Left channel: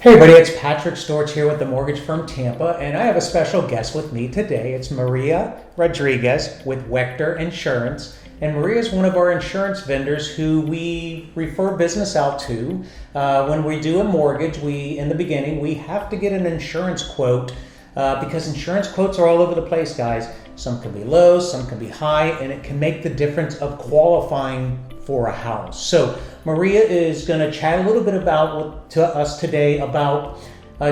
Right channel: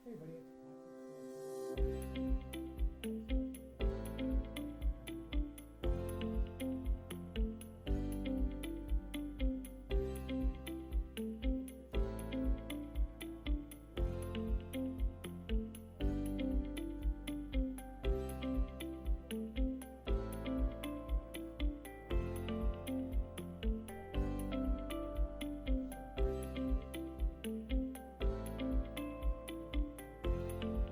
Hey everybody, it's Patrick Storch here with the mortgage firm Tampa, and I have a special guest with me today. It's Maria Rodriguez with Weachter Insurance, and Maria is one of our insurance vendors who we refer business out to. When we do a mortgage, in the beginning, we have to get an insurance quote because insurance quotes are all over the place, guys. Some can be low, some can be high, and it can make the difference of qualifying for a house. So Maria is going to chat a little bit to us today about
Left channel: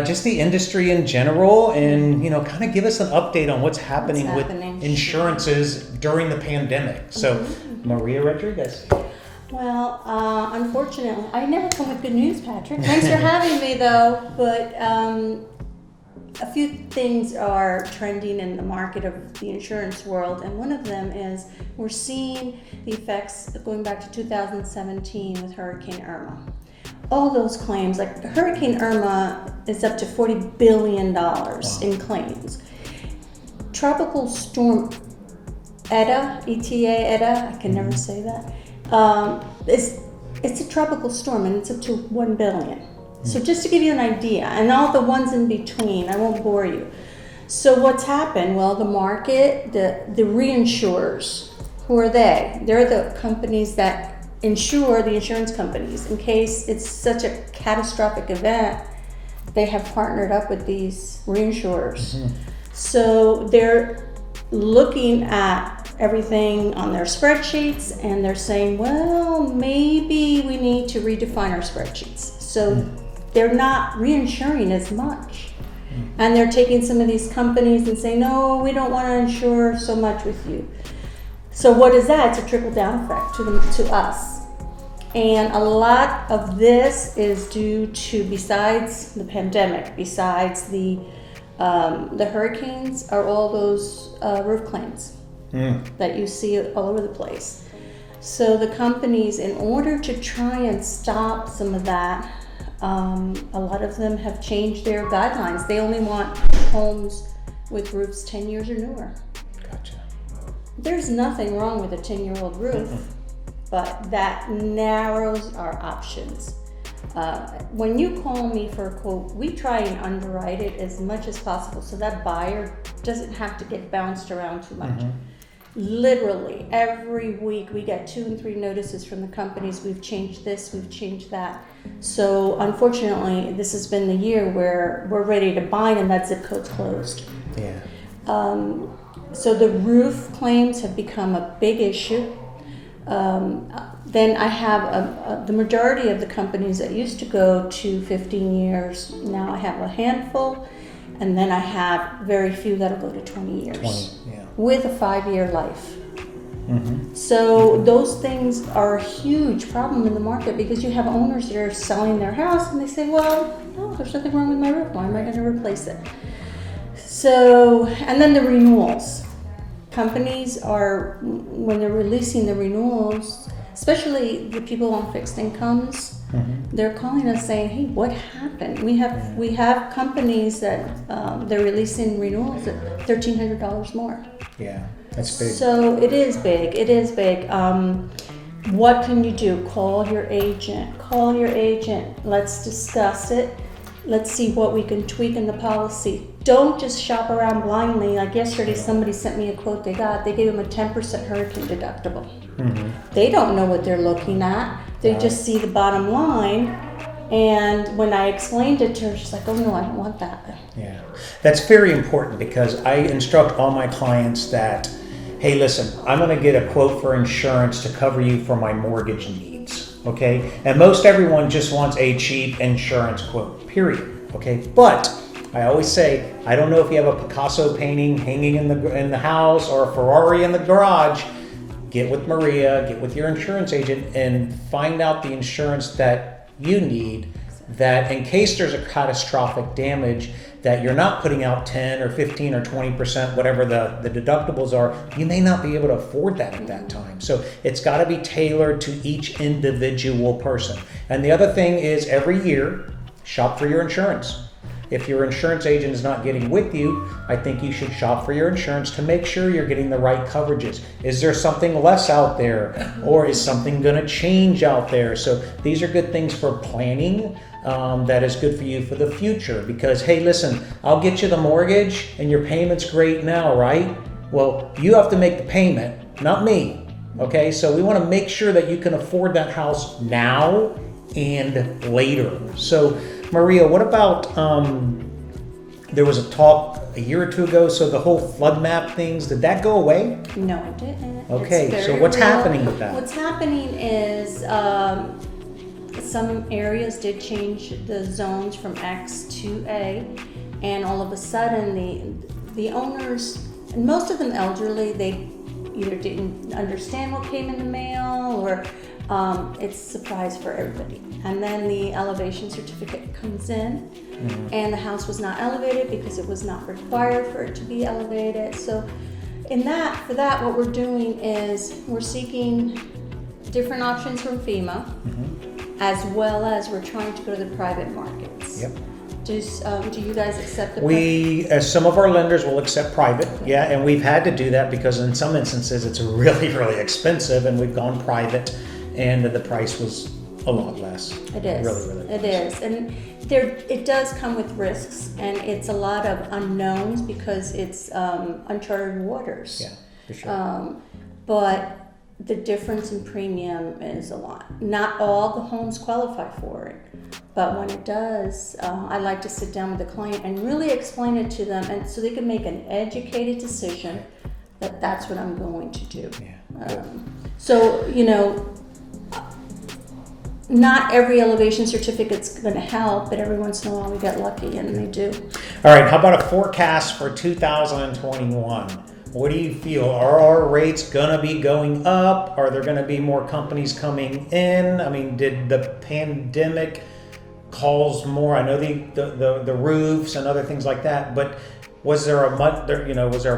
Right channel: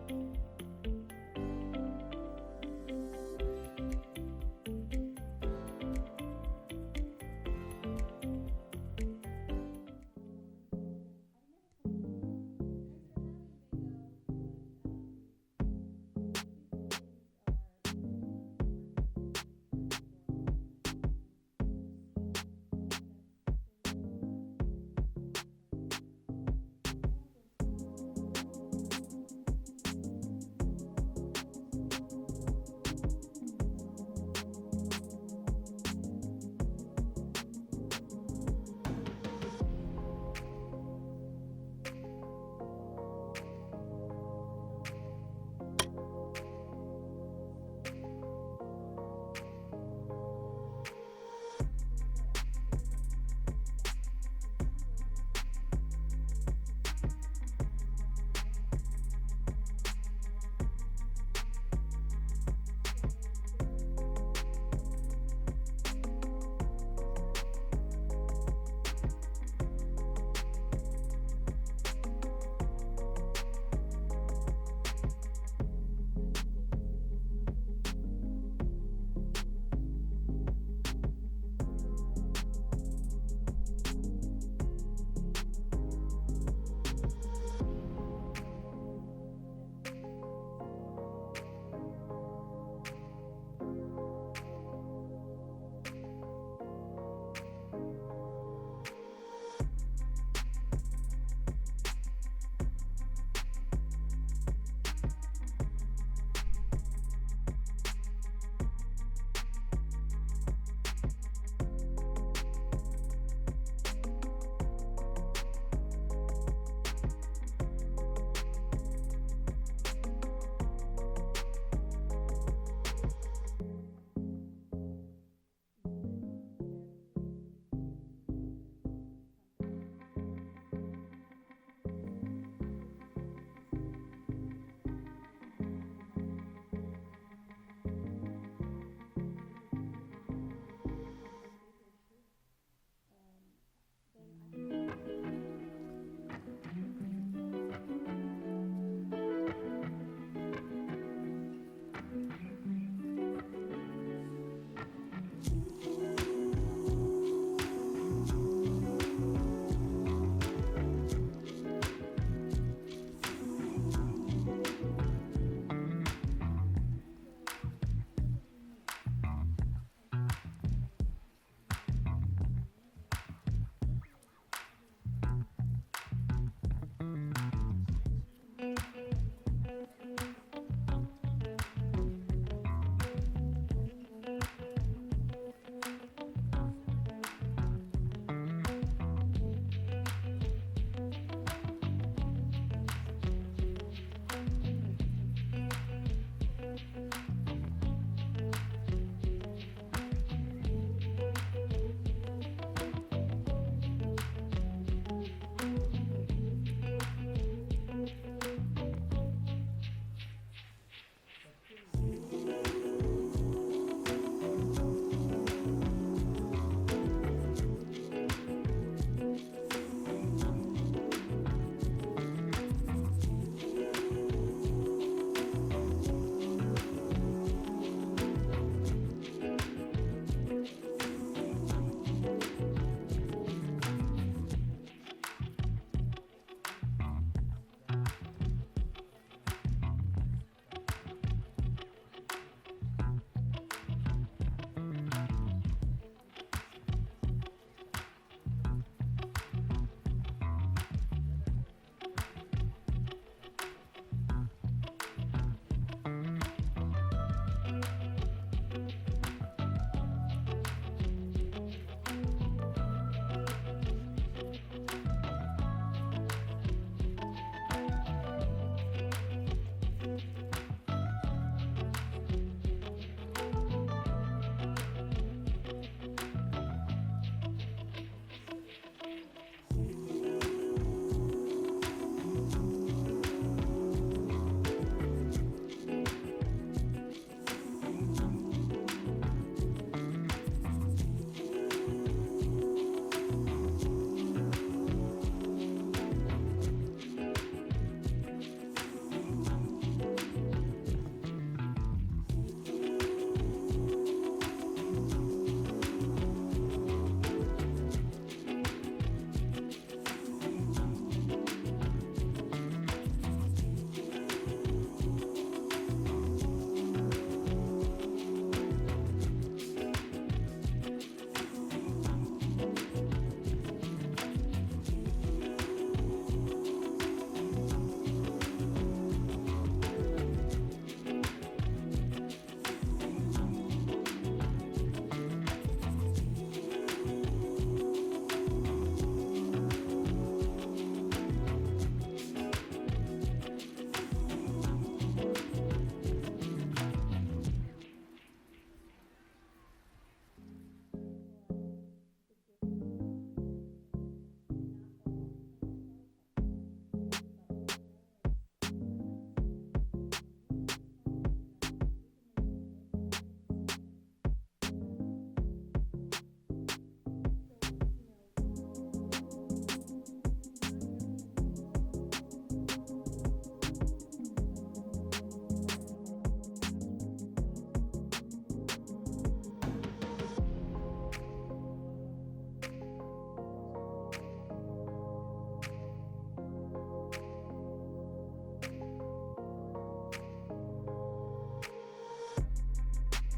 just the industry in general, and kind of give us an update on what's happening with insurances during the pandemic. So Maria Rodriguez. Well, unfortunately, I never come with good news, Patrick. Thanks for having me, though. But a few things are trending in the market of the insurance world, and one of them is we're seeing the effects going back to 2017 with Hurricane Irma. All those claims, like Hurricane Irma is up to $40 billion in claims. Tropical Storm Eta, ETA, I can never say that. It's a tropical storm and it's up to $1 billion. So just to give you an idea, and all the ones in between, I won't bore you. So what's happened? Well, the market, the reinsurers, who are they? They're the companies that insure the insurance companies. In case it's such a catastrophic event, they have partnered up with these reinsurers. So they're looking at everything on their spreadsheets and they're saying, well, maybe we need to redefine our spreadsheets. So they're not reinsuring as much. And they're taking some of these companies and saying, no, we don't want to insure so much with you. So what is that? It's a trickle-down effect to us. And a lot of this is due to, besides the pandemic, besides the hurricanes, are all those roof claims that you see all over the place. So the companies, in order to try and stop some of that, a lot of them have changed their guidelines. They only want homes with roofs 10 years or newer. Gotcha. There's nothing wrong with a 10-year-old roof, but that narrows our options. When you call me for a quote, we try and underwrite it as much as possible so that buyer doesn't have to get bounced around too much. Literally every week we get 2 and 3 notices from the companies. We've changed this, we've changed that. So unfortunately, this has been the year where we're ready to bind and that zip code's closed. Yeah. So the roof claims have become a big issue. Then I have the majority of the companies that used to go to 15 years. Now I have a handful, and then I have very few that'll go to 20 years. With a 5-year life. So those things are a huge problem in the market because you have owners that are selling their house and they say, well, no, there's nothing wrong with my roof. Why am I going to replace it? So, and then the renewals. Companies are, when they're releasing the renewals, especially the people on fixed incomes, they're calling us saying, hey, what happened? We have companies that they're releasing renewals at $1,300 more. Yeah, that's big. So it is big. What can you do? Call your agent. Let's discuss it. Let's see what we can tweak in the policy. Don't just shop around blindly. Like yesterday, somebody sent me a quote they gave them a 10% hurricane deductible. They don't know what they're looking at. They just see the bottom line. And when I explained it to her, she's like, oh no, I don't want that. Yeah, that's very important because I instruct all my clients that, hey, listen, I'm going to get a quote for insurance to cover you for my mortgage needs, okay? And most everyone just wants a cheap insurance quote, period, okay? But I always say, I don't know if you have a Picasso painting hanging in the house or a Ferrari in the garage. Get with Maria, get with your insurance agent, and find out the insurance that you need, that in case there's a catastrophic damage, that you're not putting out 10 or 15 or 20%, whatever the deductibles are, you may not be able to afford that at that time. So it's got to be tailored to each individual person. And the other thing is, every year, shop for your insurance. If your insurance agent is not getting with you, I think you should shop for your insurance to make sure you're getting the right coverages. Is there something less out there, or is something going to change out there? So these are good things for planning that is good for you for the future. Because, hey, listen, I'll get you the mortgage and your payment's great now, right? Well, you have to make the payment, not me. Okay, so we want to make sure that you can afford that house now and later. So, Maria, what about, there was a talk a year or two ago, so the whole flood map things, did that go away? No, it didn't. Okay, It's so very what's real. happening with that? What's happening is some areas did change the zones from X to A, and all of a sudden the owners, and most of them elderly, they either didn't understand what came in the mail, or it's a surprise for everybody. And then the elevation certificate comes in, and the house was not elevated because it was not required for it to be elevated. So for that, what we're doing is we're seeking different options from FEMA, as well as we're trying to go to the private markets. Yep. Do you guys accept the Some of our lenders will accept private, yeah, and we've had to do that because in some instances it's really, really expensive, and we've gone private, and the price was a lot less. It is. Really, really. It is, and it does come with risks, and it's a lot of unknowns because it's uncharted waters. Yeah, for sure. But the difference in premium is a lot. Not all the homes qualify for it, but when it does, I like to sit down with the client and really explain it to them, and so they can make an educated decision that that's what I'm going to do. Yeah. So, not every elevation certificate's going to help, but every once in a while we get lucky, and they do. All right, how about a forecast for 2021? What do you feel? Are our rates gonna be going up? Are there gonna be more companies coming in? I mean, did the pandemic cause more? I know the roofs and other things like that, but was there a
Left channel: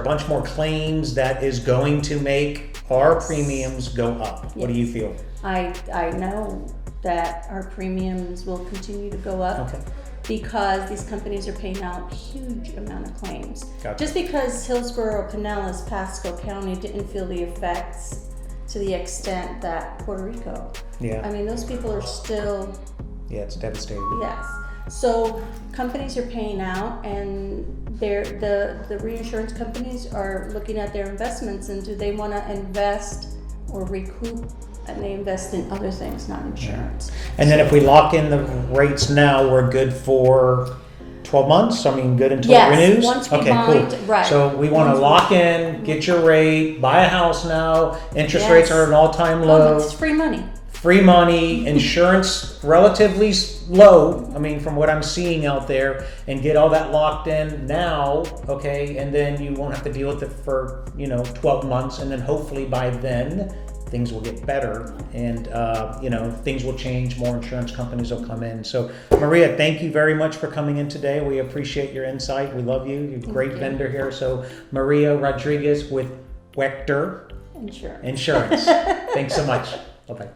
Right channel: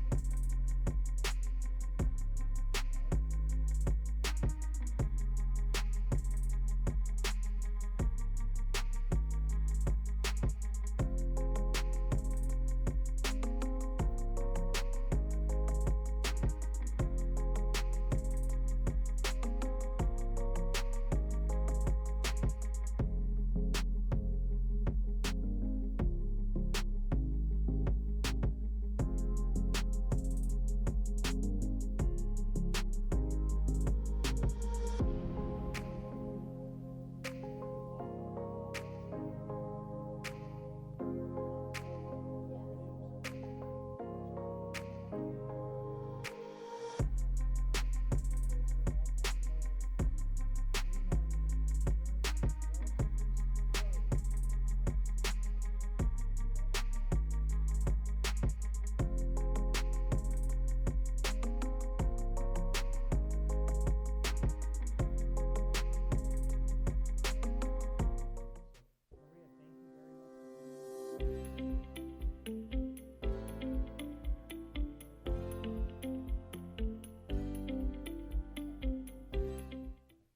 bunch more claims that is going to make our premiums go up? Yes. What do you feel? I know that our premiums will continue to go up. Okay. Because these companies are paying out a huge amount of claims. Gotcha. Just because Hillsborough, Pinellas, Pasco County didn't feel the effects to the extent that Puerto Rico. Yeah. I mean, those people are still, Yeah, it's devastating. yes. So companies are paying out, and the reinsurance companies are looking at their investments, and do they want to invest or recoup? And they invest in other things, not insurance. And then if we lock in the rates now, we're good for 12 months? I mean, good until it renews? Once we Okay, bind, cool. right. So we want to lock in, get your rate, buy a house now. Interest rates are at an all-time low. It's free money. Free money, insurance relatively low, I mean, from what I'm seeing out there, and get all that locked in now, okay? And then you won't have to deal with it for, 12 months, and then hopefully by then, things will get better, and things will change. More insurance companies will come in. So, Maria, thank you very much for coming in today. We appreciate your insight. We love you. You're a great vendor here. So, Maria Rodriguez with Weachter Insurance. Insurance. Thanks so much. Bye-bye.